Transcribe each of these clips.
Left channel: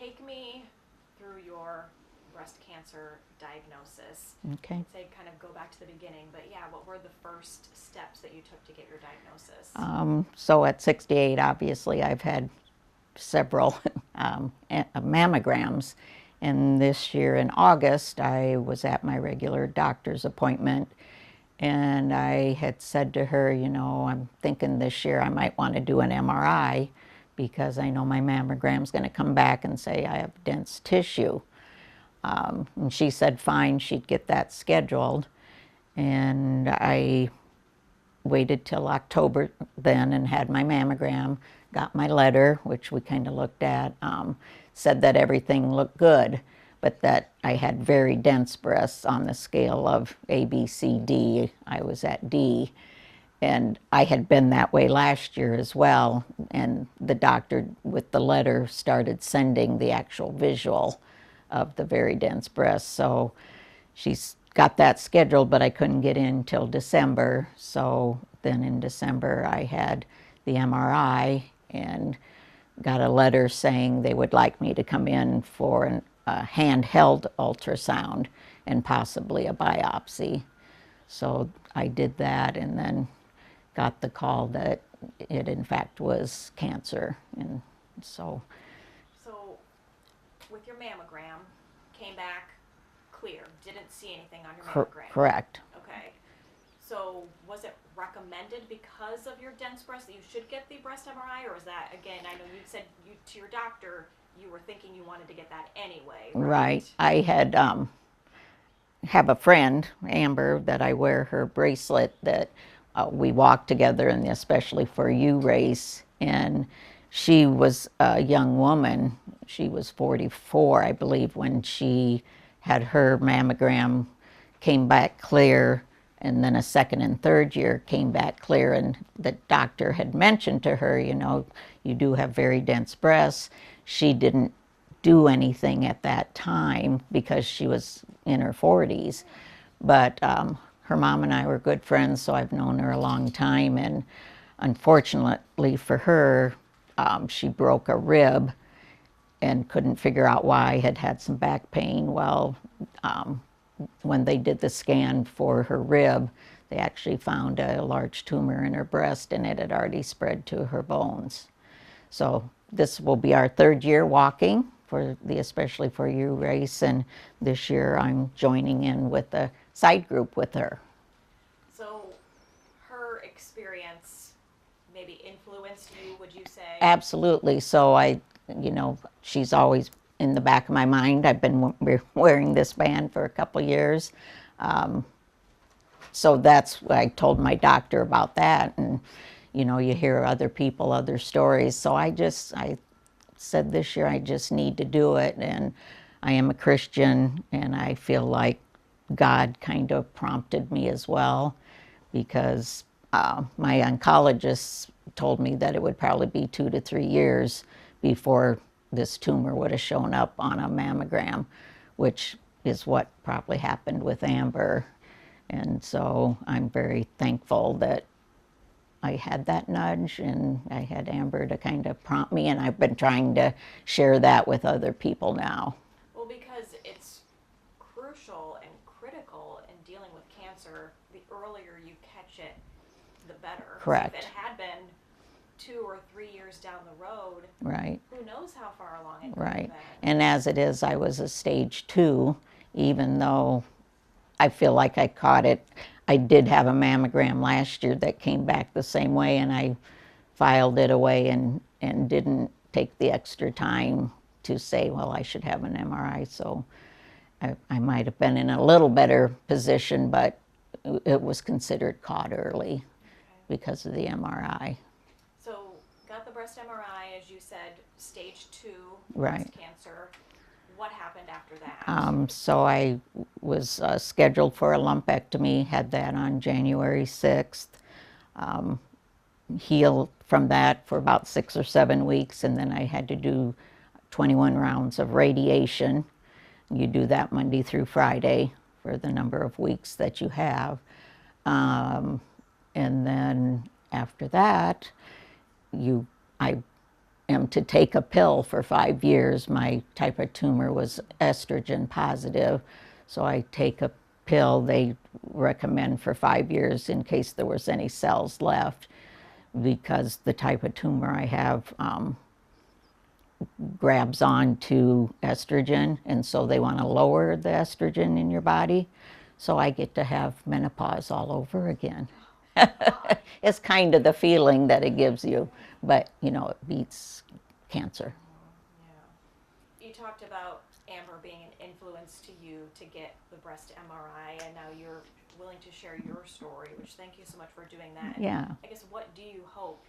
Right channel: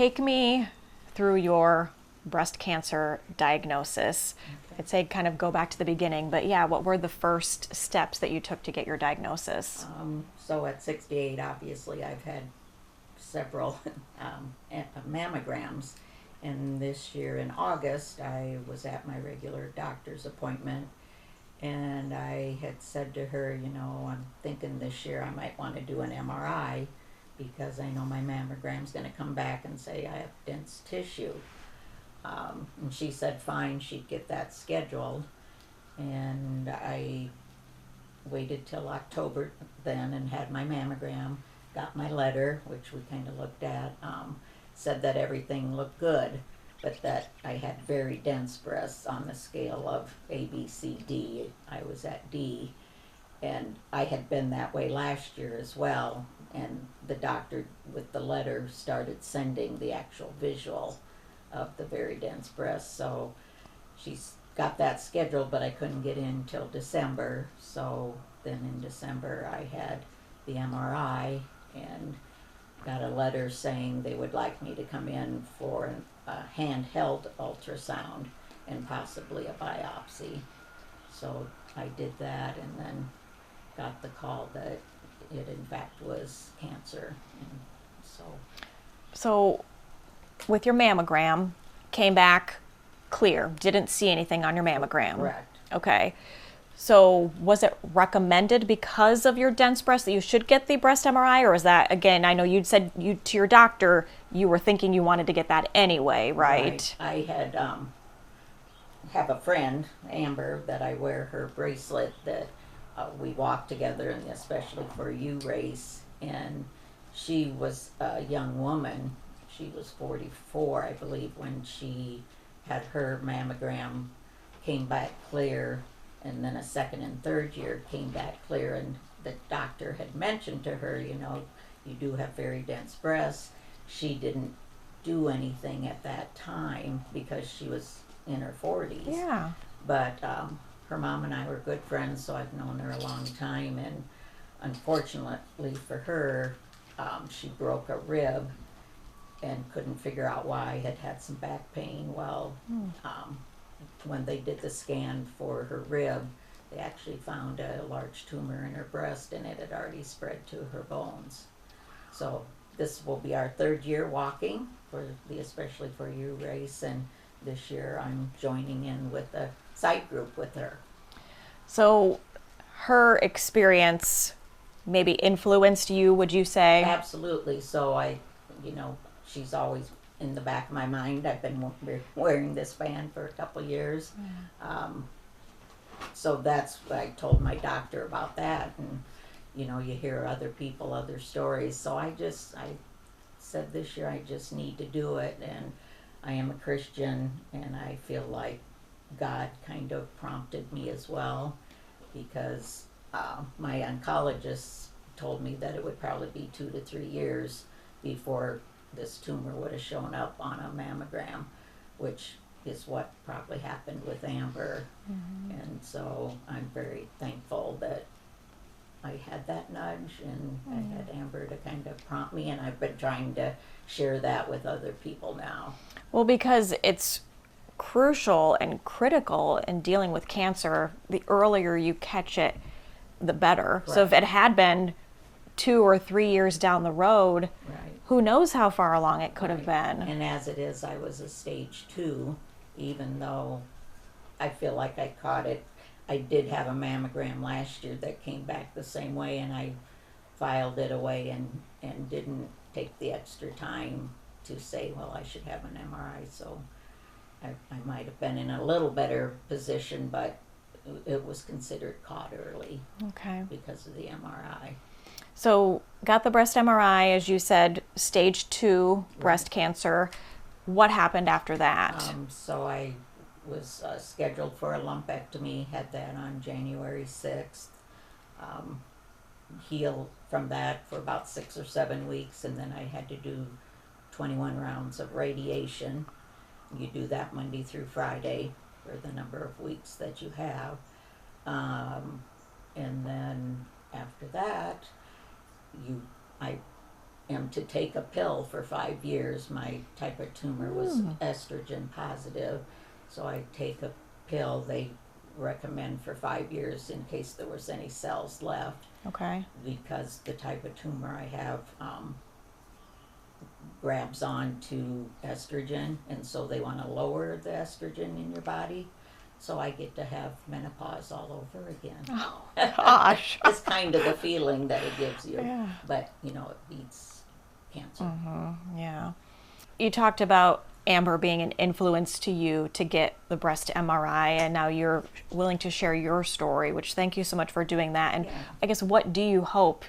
take me through your breast cancer diagnosis. Okay. I'd say kind of go back to the beginning, but yeah, what were the first steps that you took to get your diagnosis? So at 68, obviously, I've had several mammograms. And this year in August, I was at my regular doctor's appointment, and I had said to her, you know, I'm thinking this year I might want to do an MRI because I know my mammogram's going to come back and say I have dense tissue. And she said fine, she'd get that scheduled. And I waited till October then and had my mammogram, got my letter, which we kind of looked at, said that everything looked good, but that I had very dense breasts on the scale of A, B, C, D. I was at D. And I had been that way last year as well. And the doctor, with the letter, started sending the actual visual of the very dense breasts. So she's got that scheduled, but I couldn't get in till December. So then in December, I had the MRI and got a letter saying they would like me to come in for a handheld ultrasound and possibly a biopsy. So I did that and then got the call that it in fact was cancer. And so with your mammogram, came back clear, didn't see anything on your mammogram. Correct. Okay. So was it recommended because of your dense breast that you should get the breast MRI, or is that, again, I know you'd said to your doctor you were thinking you wanted to get that anyway, right? I had have a friend, Amber, that I wear her bracelet that we walk together in the Especially For You race, and she was a young woman. She was 44, I believe, when she had her mammogram, came back clear, and then a second and third year came back clear, and the doctor had mentioned to her, you know, you do have very dense breasts. She didn't do anything at that time because she was in her 40s. Yeah. But her mom and I were good friends, so I've known her a long time, and unfortunately for her, she broke a rib and couldn't figure out why, had some back pain. Well, when they did the scan for her rib, they actually found a large tumor in her breast, and it had already spread to her bones. So this will be our third year walking for the Especially For You race, and this year I'm joining in with a side group with her. So her experience maybe influenced you, would you say? Absolutely. So you know, she's always in the back of my mind. I've been wearing this band for a couple years. So that's what I told my doctor about that. And, you know, you hear other people, other stories. So I said this year I just need to do it. And I am a Christian, and I feel like God kind of prompted me as well, because my oncologist told me that it would probably be 2 to 3 years before this tumor would have shown up on a mammogram, which is what probably happened with Amber. And so I'm very thankful that I had that nudge, and I had Amber to kind of prompt me, and I've been trying to share that with other people now. Well, because it's crucial and critical in dealing with cancer. The earlier you catch it, the better. Correct. So if it had been 2 or 3 years down the road, Right. who knows how far along it could Right. have been. And as it is, I was a stage 2, even though I feel like I caught it. I did have a mammogram last year that came back the same way, and I filed it away and didn't take the extra time to say, well, I should have an MRI. So I might have been in a little better position, but it was considered caught early. Okay. Because of the MRI. So got the breast MRI, as you said, stage 2 breast Right. cancer. What happened after that? So I was scheduled for a lumpectomy, had that on January 6th, healed from that for about 6 or 7 weeks, and then I had to do 21 rounds of radiation. You do that Monday through Friday for the number of weeks that you have. And then after that, I am to take a pill for 5 years. My type of tumor was estrogen positive, so I take a pill they recommend for 5 years in case there was any cells left. Okay. Because the type of tumor I have grabs on to estrogen, and so they want to lower the estrogen in your body. So I get to have menopause all over again. Oh, gosh. That's kind of the feeling that it gives you. Yeah. But, you know, it beats cancer. Yeah. You talked about Amber being an influence to you to get the breast MRI, and now you're willing to share your story, which thank you so much for doing that. And Yeah. I guess, what do you hope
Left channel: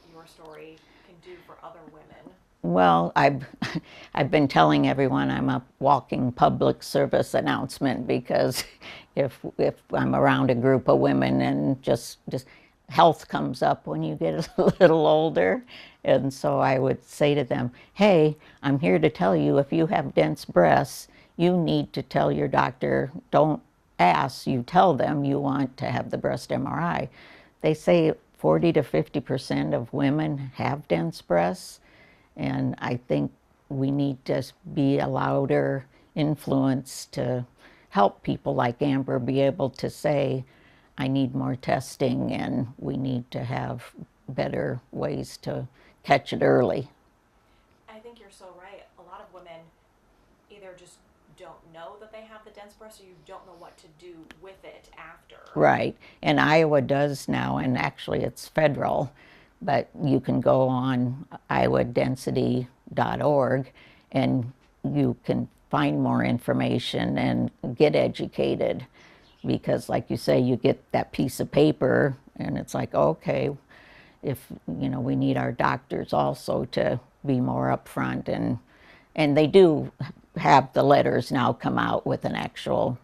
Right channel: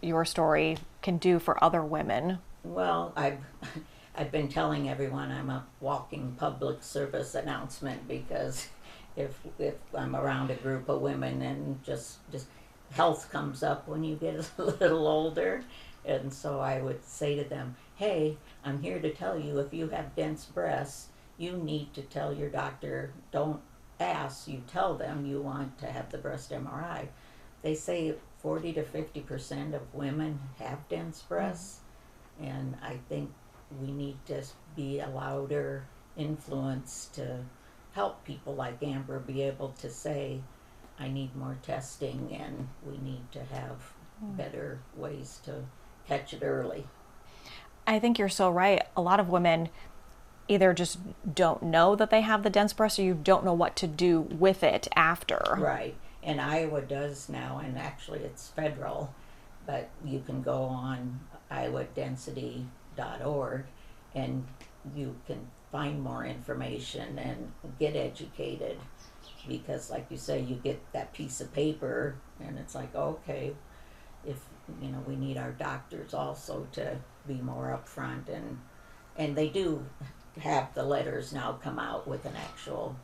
your story can do for other women? Well, I've been telling everyone I'm a walking public service announcement, because if I'm around a group of women and just health comes up when you get a little older, and so I would say to them, hey, I'm here to tell you, if you have dense breasts, you need to tell your doctor. Don't ask, you tell them you want to have the breast MRI. They say 40 to 50% of women have dense breasts. And I think we need to be a louder influence to help people like Amber be able to say, I need more testing, and we need to have better ways to catch it early. I think you're so right. A lot of women either just don't know that they have the dense breast, or you don't know what to do with it after. Right. And Iowa does now, and actually it's federal, but you can go on iowodensity.org and you can find more information and get educated. Because like you say, you get that piece of paper and it's like, okay, if, you know, we need our doctors also to be more upfront, and they do have the letters now come out with an actual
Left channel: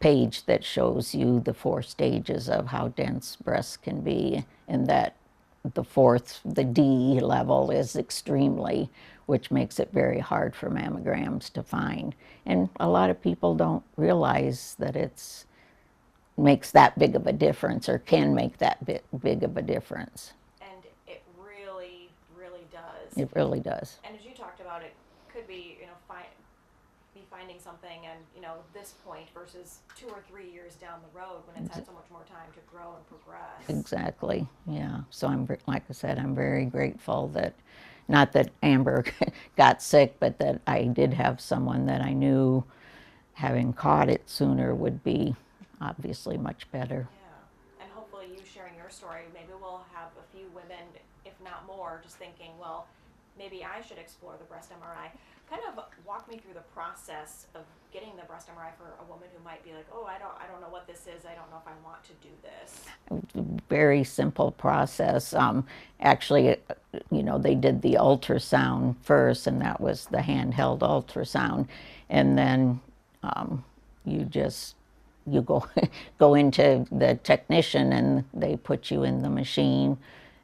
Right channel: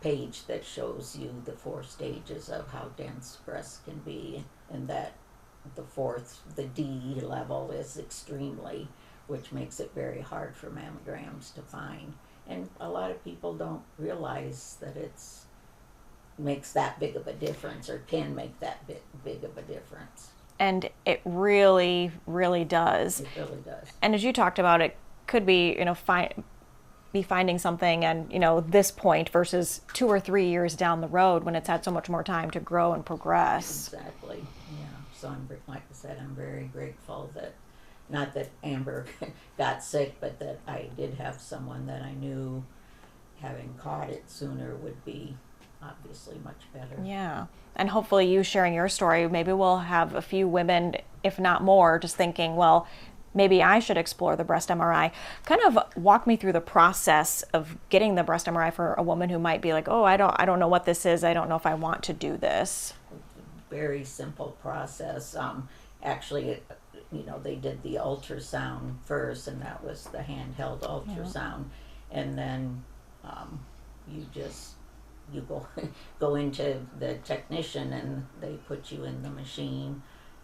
page that shows you the 4 stages of how dense breasts can be, and that the D level is extremely, which makes it very hard for mammograms to find. And a lot of people don't realize that it's makes that big of a difference, or can make that big of a difference. And it really, really does. It really does. And as you talked about, it could be, you know, be finding something and, you know, this point versus 2 or 3 years down the road when it's had so much more time to grow and progress. Exactly. Yeah. So like I said, I'm very grateful that, not that Amber got sick, but that I did have someone that I knew, having caught it sooner, would be obviously much better. Yeah. And hopefully you sharing your story, maybe we'll have a few women, if not more, just thinking, well, maybe I should explore the breast MRI. Kind of walk me through the process of getting the breast MRI for a woman who might be like, oh, I don't know what this is. I don't know if I want to do this. Very simple process. Actually, you know, they did the ultrasound first, and that was the handheld ultrasound. And then you go go into the technician, and they put you in the machine,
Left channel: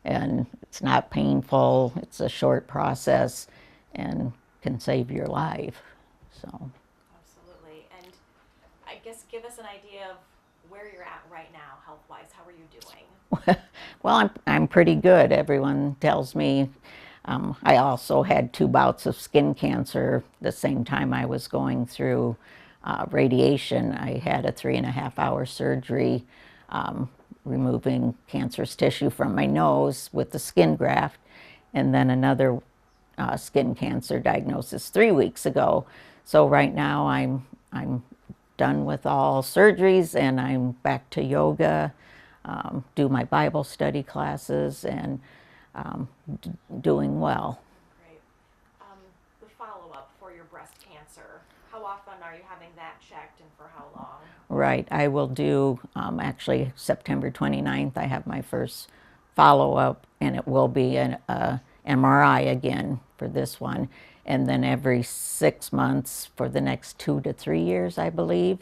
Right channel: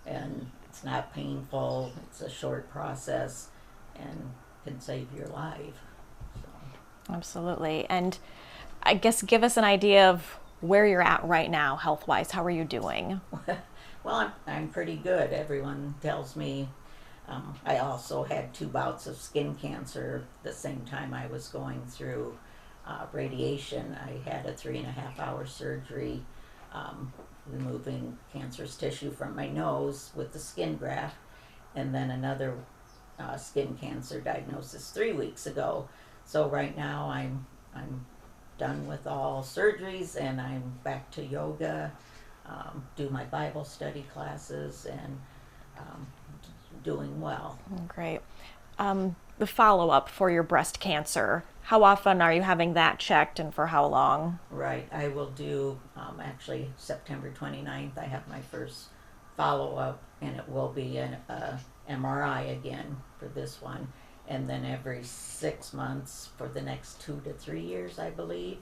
and it's not painful. It's a short process and can save your life. So Absolutely. And I guess give us an idea of where you're at right now, health-wise. How are you doing? well, I'm pretty good. Everyone tells me. I also had 2 bouts of skin cancer the same time I was going through radiation. I had a 3.5-hour surgery removing cancerous tissue from my nose with the skin graft, and then another skin cancer diagnosis 3 weeks ago. So right now I'm done with all surgeries, and I'm back to yoga, do my Bible study classes, and doing well. Great. The follow-up for your breast cancer, how often are you having that checked, and for how long? Right. I will do, actually, September 29th, I have my first follow-up, and it will be an MRI again for this one. And then every 6 months for the next 2 to 3 years, I believe,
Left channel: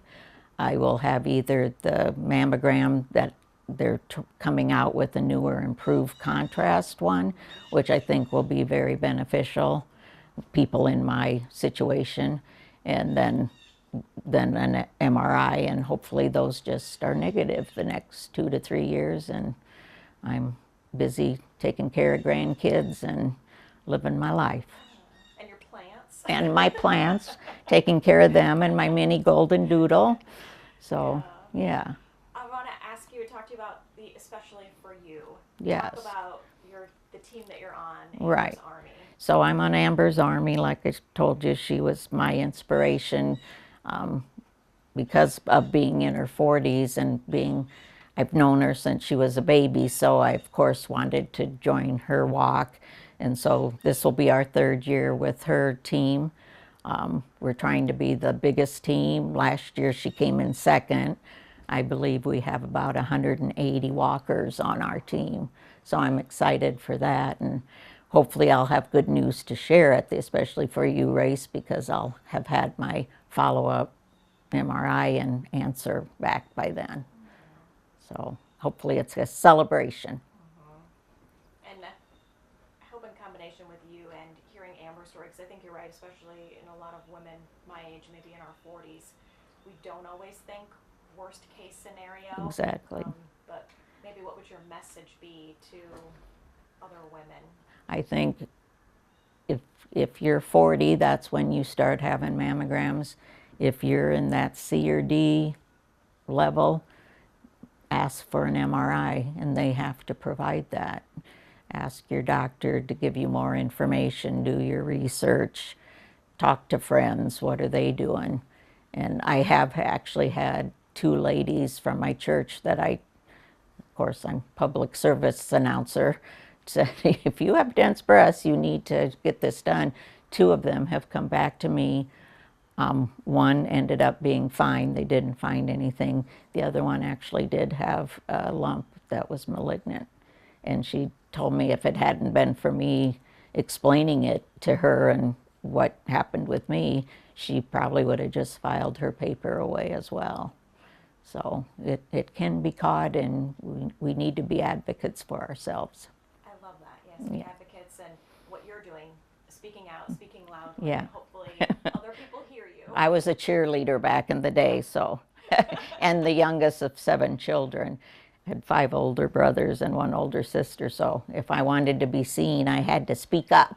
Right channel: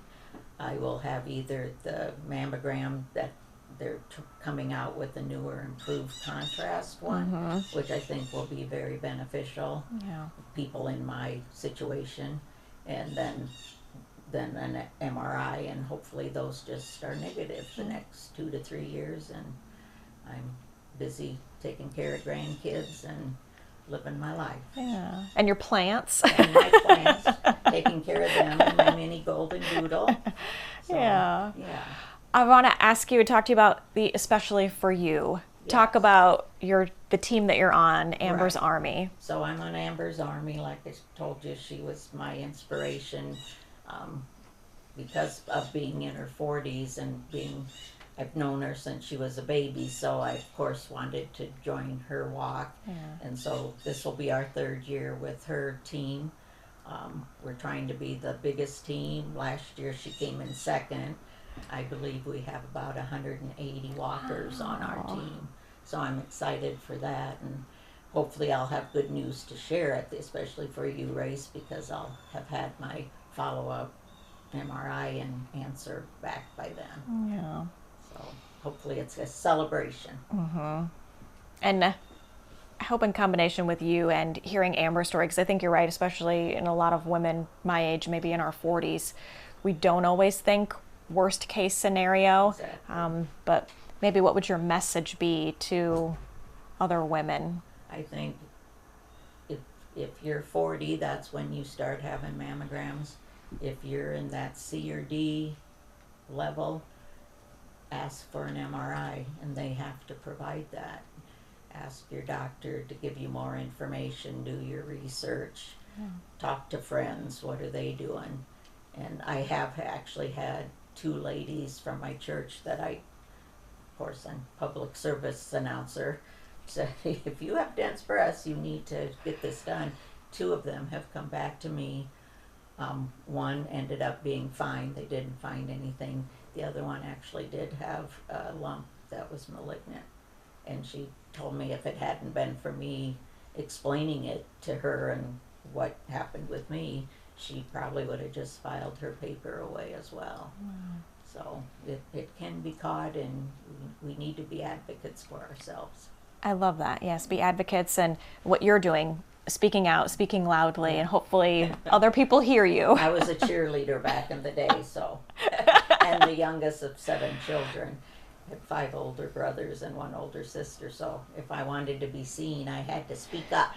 I will have either the mammogram that they're coming out with, a newer improved contrast one, which I think will be very beneficial. People in my situation, and then an MRI, and hopefully those just are negative the next 2 to 3 years, and I'm busy taking care of grandkids and living my life. Yeah. And your plants. And my plants, taking care of them, and my mini golden doodle. So, Yeah. yeah. I want to ask you, talk to you about especially for you. Yes. Talk about the team that you're on, Amber's Right. Army. So I'm on Amber's Army. Like I told you, she was my inspiration because of being in her 40s and I've known her since she was a baby. So I, of course, wanted to join her walk. And so this will be our 3rd year with her team. We're trying to be the biggest team. Last year she came in 2nd. I believe we have about 180 walkers on our team. So I'm excited for that, and hopefully I'll have good news to share at especially for you, Race, because I'll have had my follow-up MRI and answer back by then. Yeah. So hopefully it's a celebration. And I hope in combination with you and hearing Amber's story, because I think you're right, especially in a lot of women my age, maybe in our 40s, we don't always think worst case scenario. Exactly. But maybe what would your message be to other women? I think if you're 40, that's when you start having mammograms. If you're in that C or D level, ask for an MRI, and they have to provide that. Ask your doctor to give you more information, do your research, talk to friends, what are they doing? And I have actually had 2 ladies from my church that of course I'm public service announcer, said if you have dense breasts, you need to get this done. 2 of them have come back to me. One ended up being fine. They didn't find anything. The other one actually did have a lump that was malignant. And she told me if it hadn't been for me explaining it to her and what happened with me, she probably would have just filed her paper away as well. So it can be caught, and we need to be advocates for ourselves. I love that. Yes, be advocates, and what you're doing, speaking out, speaking loudly, Yeah. and hopefully other people hear you. I was a cheerleader back in the day, so, and the youngest of 7 children. Had 5 older brothers and 1 older sister, so if I wanted to be seen, I had to speak up.